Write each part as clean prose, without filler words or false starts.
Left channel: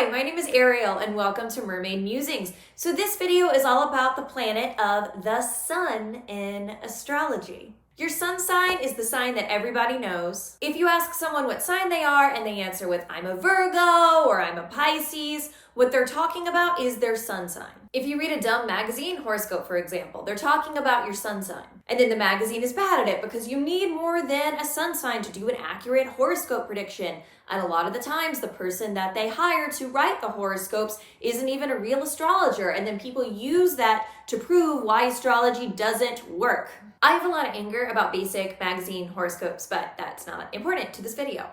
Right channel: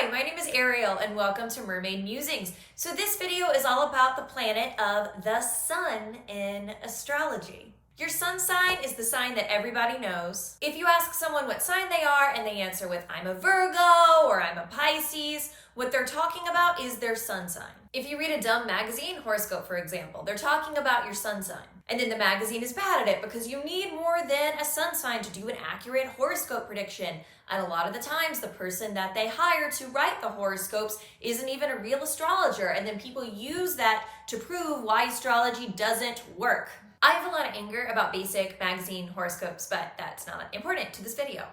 Hi, my name is Ariel and welcome to Mermaid Musings. So this video is all about the planet of the Sun in astrology. Your sun sign is the sign that everybody knows. If you ask someone what sign they are and they answer with I'm a Virgo or I'm a Pisces, what they're talking about is their sun sign. If you read a dumb magazine horoscope, for example, they're talking about your sun sign. And then the magazine is bad at it because you need more than a sun sign to do an accurate horoscope prediction. And a lot of the times, the person that they hire to write the horoscopes isn't even a real astrologer. And then people use that to prove why astrology doesn't work. I have a lot of anger about basic magazine horoscopes, but that's not important to this video.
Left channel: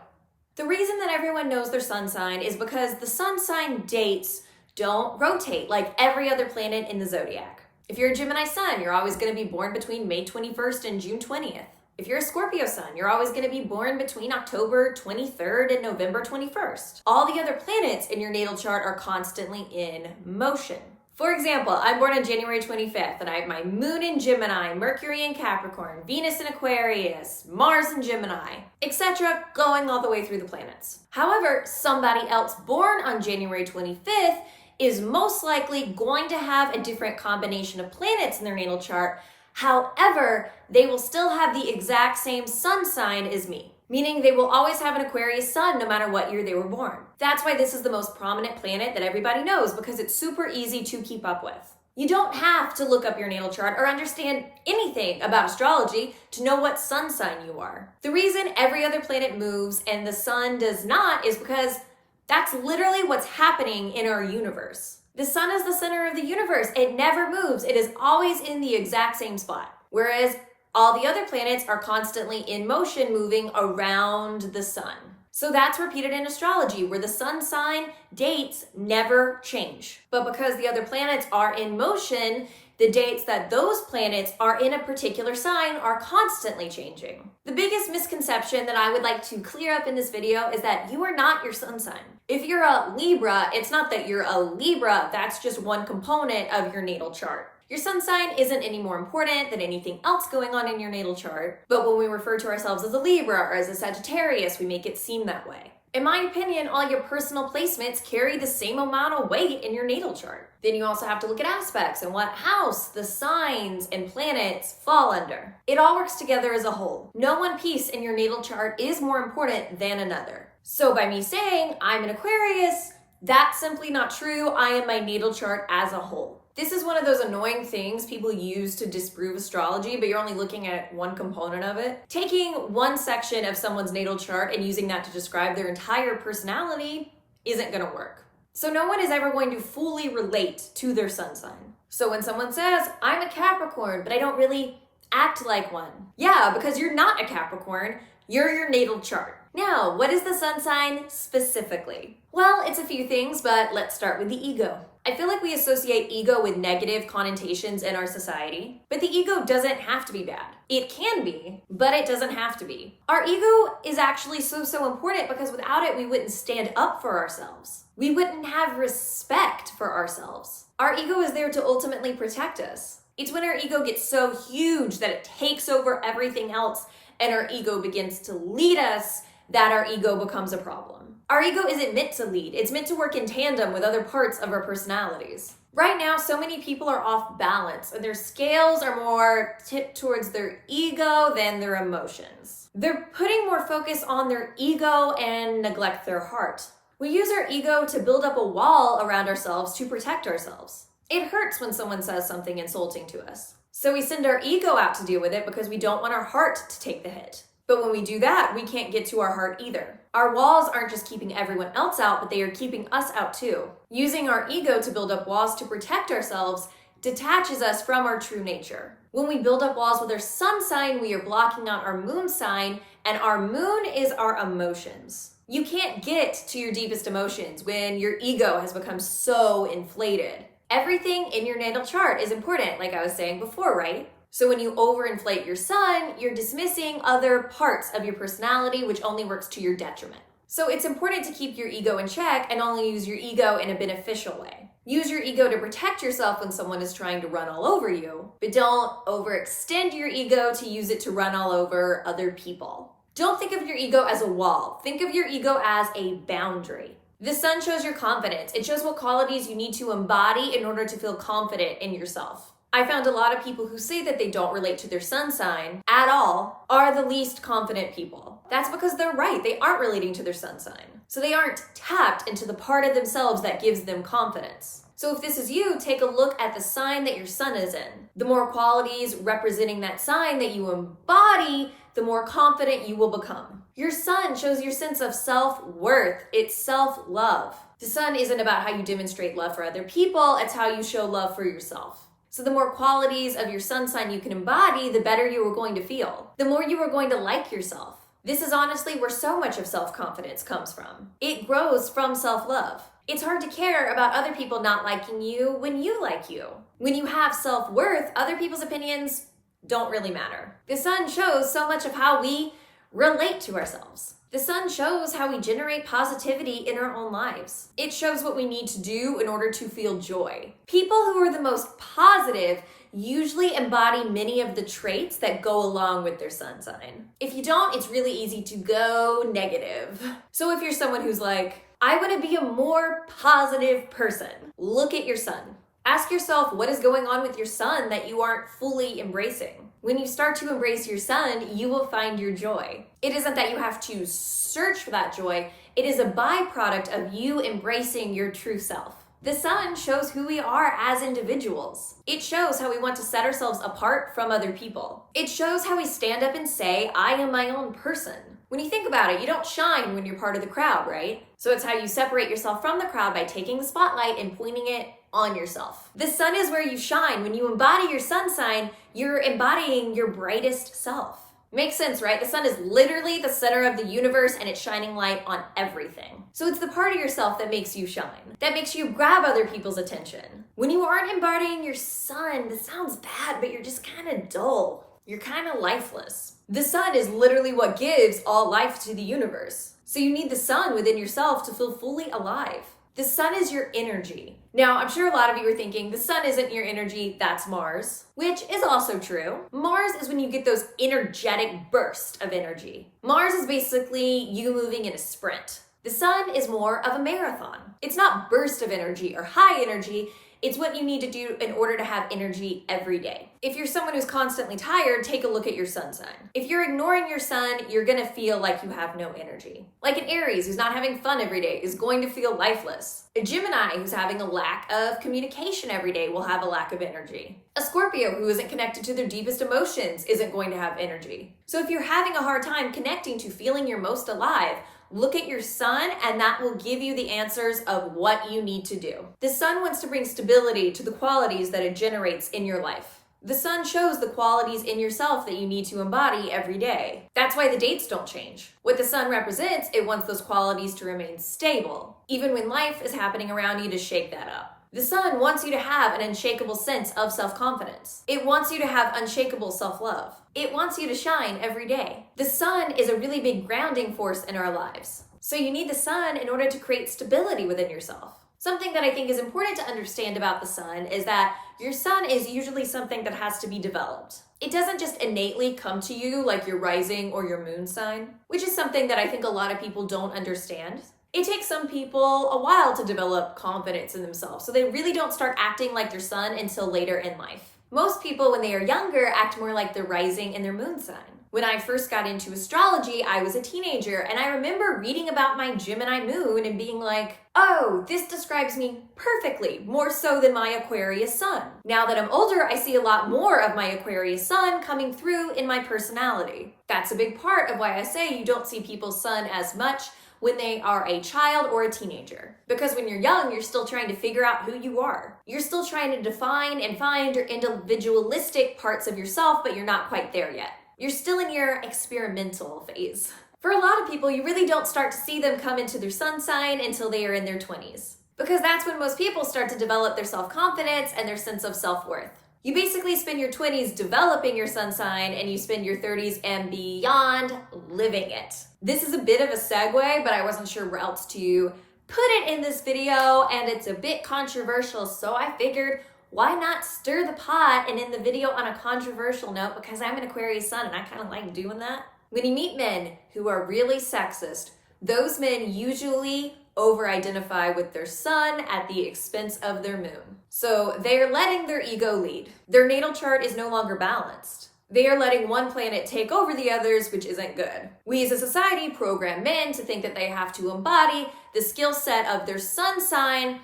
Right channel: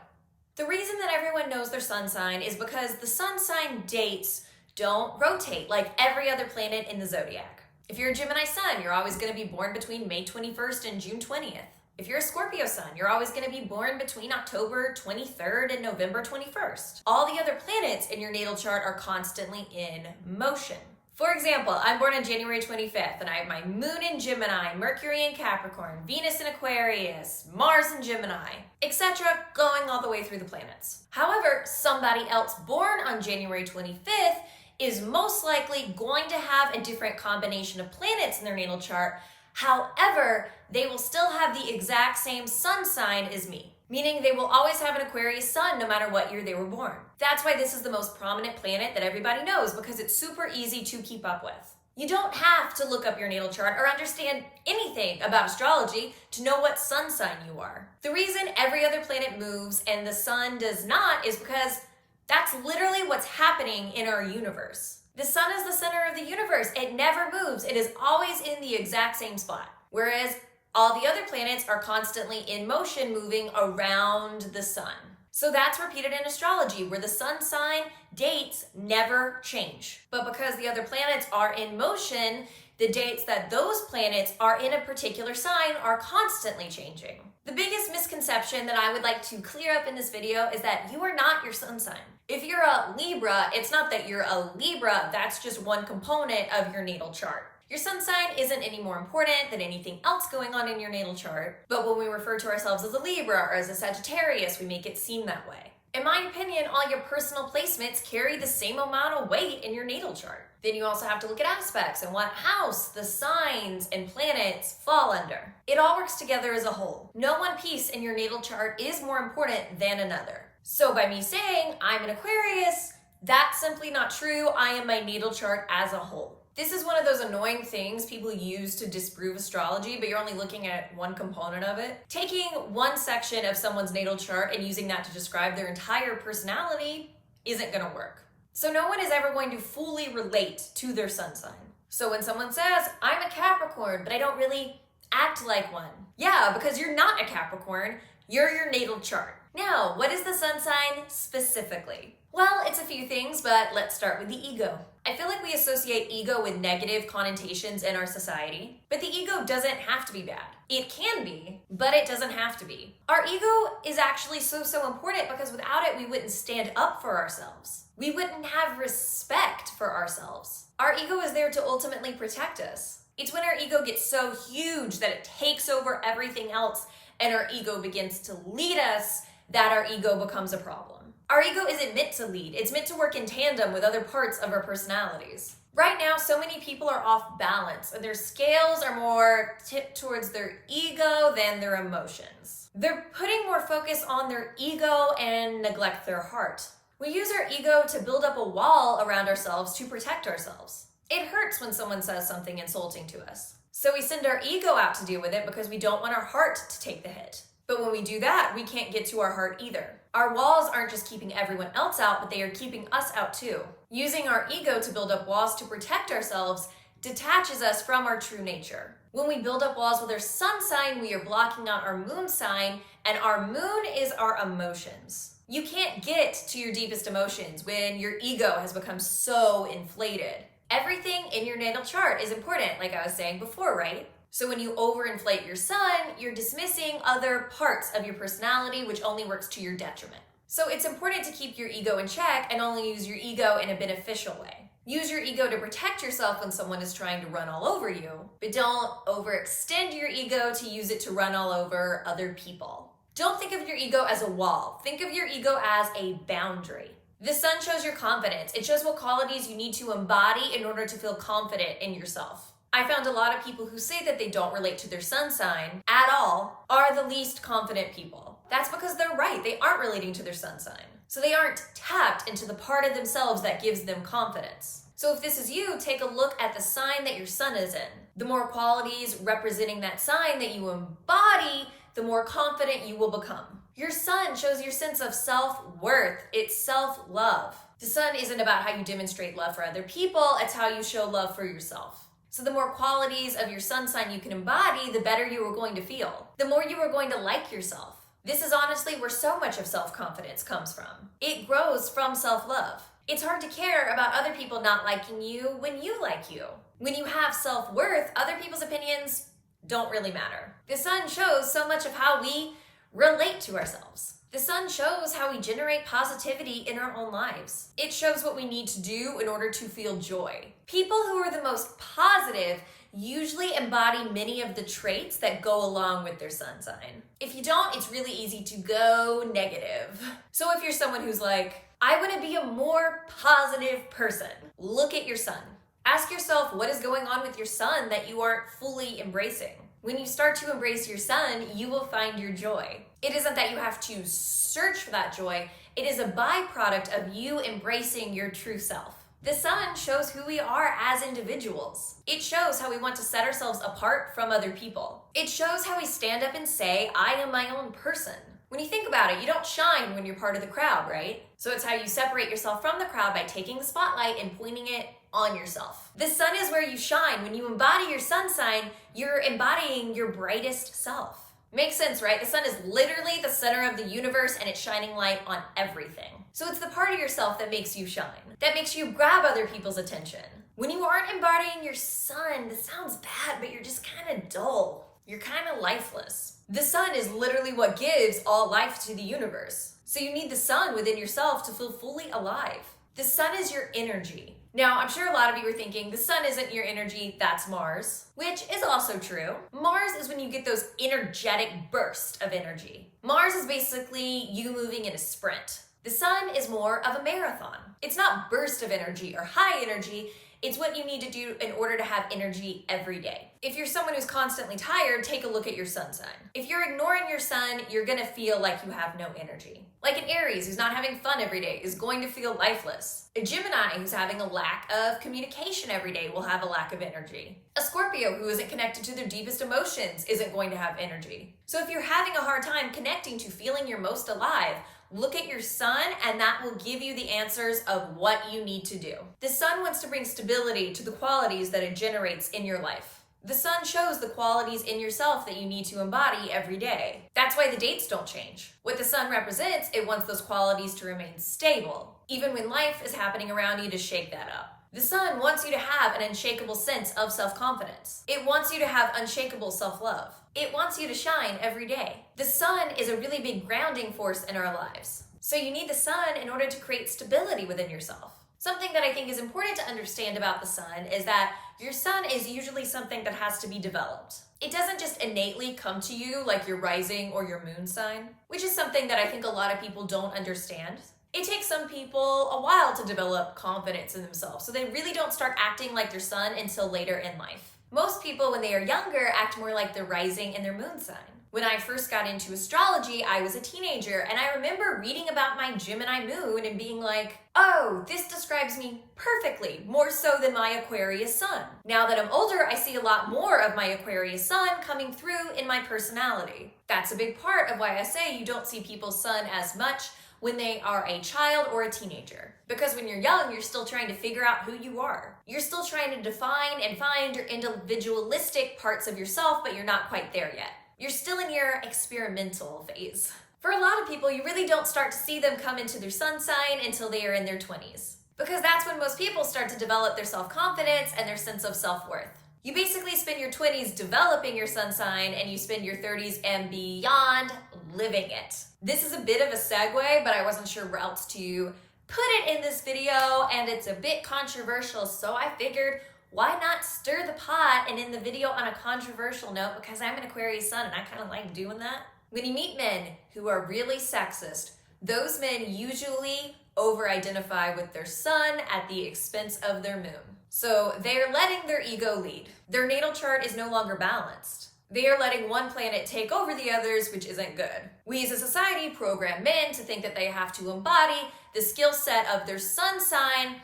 The reason that everyone knows their sun sign is because the sun sign dates don't rotate like every other planet in the zodiac. If you're a Gemini sun, you're always going to be born between May 21st and June 20th. If you're a Scorpio sun, you're always going to be born between October 23rd and November 21st. All the other planets in your natal chart are constantly in motion. For example, I'm born on January 25th, and I have my moon in Gemini, Mercury in Capricorn, Venus in Aquarius, Mars in Gemini, etc., going all the way through the planets. However, somebody else born on January 25th is most likely going to have a different combination of planets in their natal chart. However, they will still have the exact same sun sign as me, meaning they will always have an Aquarius sun no matter what year they were born. That's why this is the most prominent planet that everybody knows, because it's super easy to keep up with. You don't have to look up your natal chart or understand anything about astrology to know what sun sign you are. The reason every other planet moves and the sun does not is because that's literally what's happening in our universe. The sun is the center of the universe. It never moves. It is always in the exact same spot. Whereas all the other planets are constantly in motion, moving around the sun. So that's repeated in astrology, where the sun sign dates never change. But because the other planets are in motion, the dates that those planets are in a particular sign are constantly changing. The biggest misconception that I would like to clear up in this video is that you are not your sun sign. If you're a Libra, it's not that you're a Libra, that's just one component of your natal chart. Your sun sign isn't any more important than anything else going on in your natal chart, but when we refer to ourselves as a Libra or as a Sagittarius, we make it seem that way. In my opinion, all your personal placements carry the same amount of weight in your natal chart. Then you also have to look at aspects and what house the signs and planets fall under. It all works together as a whole. No one piece in your natal chart is more important than another. So by me saying I'm an Aquarius, that's simply not true. I am my natal chart as a whole. This is one of those annoying things people use to disprove astrology, but you're only looking at one component of it. Taking one section of someone's natal chart and using that to describe their entire personality isn't going to work. So no one is ever going to fully relate to their sun sign. So when someone says, I'm a Capricorn, but I don't really act like one. Yeah, because you're not a Capricorn, you're your natal chart. Now, what is the sun sign specifically? Well, it's a few things, but let's start with the ego. I feel like we associate ego with negative connotations in our society, but the ego doesn't have to be bad. It can be, but it doesn't have to be. Our ego is actually so important because without it, we wouldn't stand up for ourselves. We wouldn't have respect for ourselves. Our ego is there to ultimately protect us. It's when our ego gets so huge that it takes over everything else and our ego begins to lead us that our ego becomes a problem. Our ego isn't meant to lead. It's meant to work in tandem with other parts of our personalities. Right now, so many people are off balance and their scales are more tipped towards their ego than their emotions. They're putting more focus on their ego and neglect their heart. We use our ego to build up a wall around ourselves to protect ourselves. It hurts when someone says something insulting to us. So we send our ego out to deal with it because we don't want our heart to take the hit. But when we do that, we can't get to our heart either. Our walls aren't just keeping everyone else out, but they are keeping us out too. Using our ego to build up walls to protect ourselves detaches us from our true nature. When we build up walls with our sun sign, we are blocking out our moon sign, and our moon is our emotions. You can't get to your deepest emotions when your ego has become so inflated. Everything in your natal chart is important, like I was saying before, right? So when you overinflate your sun, you're dismissing other parts of your personality, which only works to your detriment. So it's important to keep your ego in check and only use your ego in a beneficial way. Use your ego to protect yourself when someone is trying to run all over you, but don't overextend your ego to use it to run all over other people. Don't think of your ego as a wall. Think of your ego as a boundary. The sun shows your confidence. It shows what qualities you need to embody in order to feel confident in yourself. I found a lot of people who say that they don't relate to their sun sign at all are the least confident people. That's because they're right. They aren't relating to their sun sign. So they aren't tapped into the part of themselves that gives them confidence. So if this is you, take a look at the sign that your sun is in. The more qualities representing that sign that you embody, the more confident you will become. Your sun shows your sense of self-worth. It's self-love. The sun isn't about how you demonstrate love for other people. It's how you show love for yourself. So the more qualities of your sun sign you can embody, the better you are going to feel. The more you are going to like yourself. This is honestly where so much of self-confidence comes from. It grows from self-love. It's hard to care about other people not liking you when you like you. When you have self-worth, other people's opinions don't really matter. The sun shows so much of how we relate to ourselves. The sun shows how we generate positivity in our own lives. It shows what we need to do in order to feel joy. People who are the most positive usually embody many of the traits that go along with their sun sign. If you don't, it's really easy to go negative. So if you're someone who's like, I want to be a more positive person, look at your sun. Ask yourself what is going on with your sun that you aren't fully embracing. When you start to embrace your sun, you will find your joy. It isn't that you have to search for that joy. It is a byproduct of you embracing your true self. The sun shows who we are as individuals. It shows how we want to set ourselves apart from other people. It shows how we stand up and say, I am my own person. When you think about it, you don't shine when you're part of the crowd, right? So it's how you separate yourself from the crowd by taking the spotlight and pointing it on yourself. The sun is where you shine. When you embody your sun sign, you're embodying your brightest self. Makes sense, right? The sun is literally the center of the universe and it's shining light on everything. So it's the part of yourself that makes you shine, that makes you grab other people's attention. When you aren't embodying your sun, this sounds bad, but you're just kind of dull. You're kind of lifeless. The sun is literally what gives all life to the universe. So you need the sun within yourself to feel fully alive. The sun is your energy. Now, I'm sure a lot of you are thinking, the sun isn't your energy, that's Mars, which is also true. Mars is when you get those energetic bursts of energy. Mars is basically you moving in a sprint. The sun is more of a marathon. It's not burst of energy or high energy. It's what you need to do in order to have energy every day. If you're someone who's constantly tired, take a look at your sun sign. If you're ignoring your sun, you're gonna feel like you have no energy. Like an Aries who's not having fun every day is going to feel lifeless. A Gemini who's having a lack of communication every day will have a lack of energy. A Scorpio who isn't connected to their deepest emotions isn't going to have energy. So if you're having a hard time connecting to feeling your most alive, look at your sun and that will give you the answers of what you need to do. The sun wants to bring stability to the qualities that it generates in your life. The sun shows the qualities in yourself that you need to embody every day. That's why the dates don't change. What the sun represents, it wants those qualities to remain stable, even when life is happening around you to shake that up. The sun wants you to have an unshakable sense of self-confidence. It wants you to have unshakable self-love. It wants you to shine every day. The sun is a really big grounding force in our lives. So you need the sun in order to create stability within yourself. Something that I think is important to understand about the sun is that your sun is usually something that has to be developed. It doesn't just innately come to you like your rising or your moon sign, which is something that I think a lot of people don't understand. It takes some people a while to develop confidence in themselves, so they really don't start acting like their sun until later in life. Most people, when they are younger, act more like their rising and their moon sign. When I first got into astrology, I was a teenager, and I remember reading about my Gemini moon and being like, oh, this describes me perfectly, more so than my Aquarius sun. Now that I'm older, I see a lot more of my Aquarius sun coming through in my personality. That's a big part of why I say you don't see people's sun as much when they are a child or a teenager. Because when you're young, you're still trying to figure out who you are. You're still trying to define and find your individualistic parts of yourself, but you're not quite there yet. You're still in your experimental phase. For a lot of people, you really don't start to see them come into their sun sign until they are in their 20s. Because that's when most people start to develop their self-confidence and their sense of self-worth. You basically spend your 20s developing your sun sign and you spend your 30s and beyond living it. This is a bit of a segue, but I wasn't sure where else to put it in this video, and it's a bit controversial, so I figured why not stir the pot and end the video on a controversial note, because I'm an Aquarius sun and I kind of like doing that. When you meet men who are really sexist, those men usually over-identify with their sun at the expense of their moon. So they're letting their ego lead. Their natal chart is no longer balanced. They are letting one planet take over the others, which isn't good. We as a society program men to think that they have to embody the skill set of their sun sign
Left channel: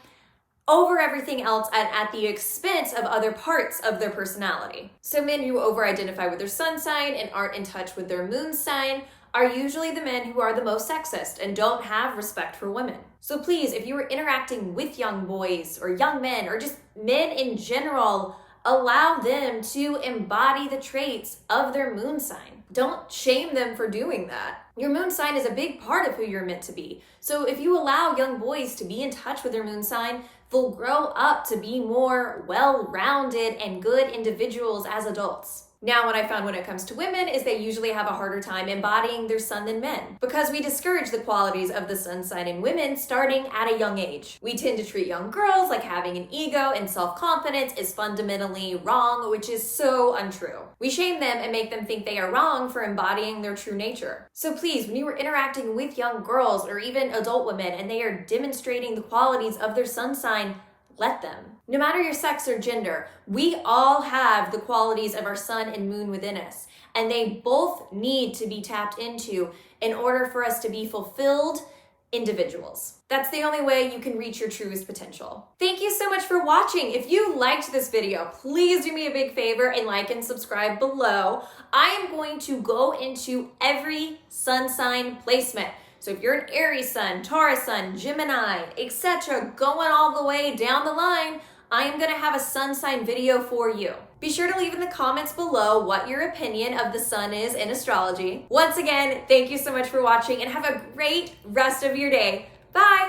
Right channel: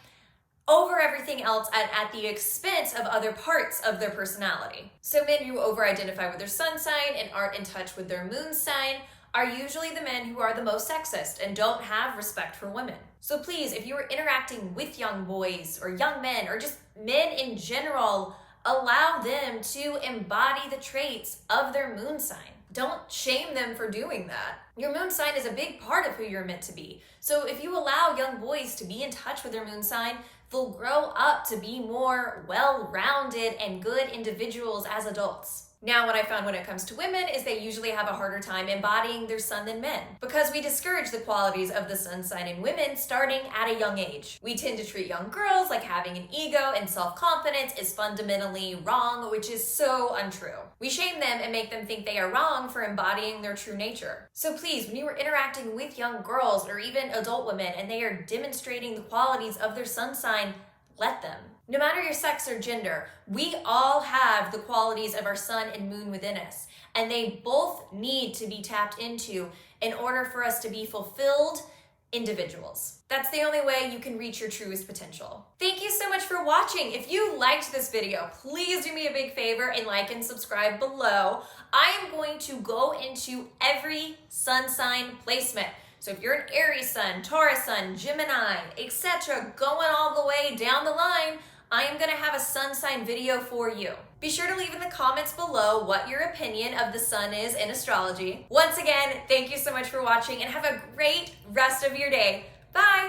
over everything else and at the expense of other parts of their personality. So men who over-identify with their sun sign and aren't in touch with their moon sign are usually the men who are the most sexist and don't have respect for women. So please, if you are interacting with young boys or young men or just men in general, allow them to embody the traits of their moon sign. Don't shame them for doing that. Your moon sign is a big part of who you're meant to be. So if you allow young boys to be in touch with their moon sign, they'll grow up to be more well-rounded and good individuals as adults. Now, what I found when it comes to women is they usually have a harder time embodying their sun than men because we discourage the qualities of the sun sign in women starting at a young age. We tend to treat young girls like having an ego and self-confidence is fundamentally wrong, which is so untrue. We shame them and make them think they are wrong for embodying their true nature. So please, when you are interacting with young girls or even adult women and they are demonstrating the qualities of their sun sign, let them. No matter your sex or gender, we all have the qualities of our sun and moon within us, and they both need to be tapped into in order for us to be fulfilled individuals. That's the only way you can reach your truest potential. Thank you so much for watching. If you liked this video, please do me a big favor and like and subscribe below. I am going to go into every sun sign placement. So if you're an Aries sun, Taurus sun, Gemini, etc., going all the way down the line, I am gonna have a sun sign video for you. Be sure to leave in the comments below what your opinion of the sun is in astrology. Once again, thank you so much for watching and have a great rest of your day. Bye!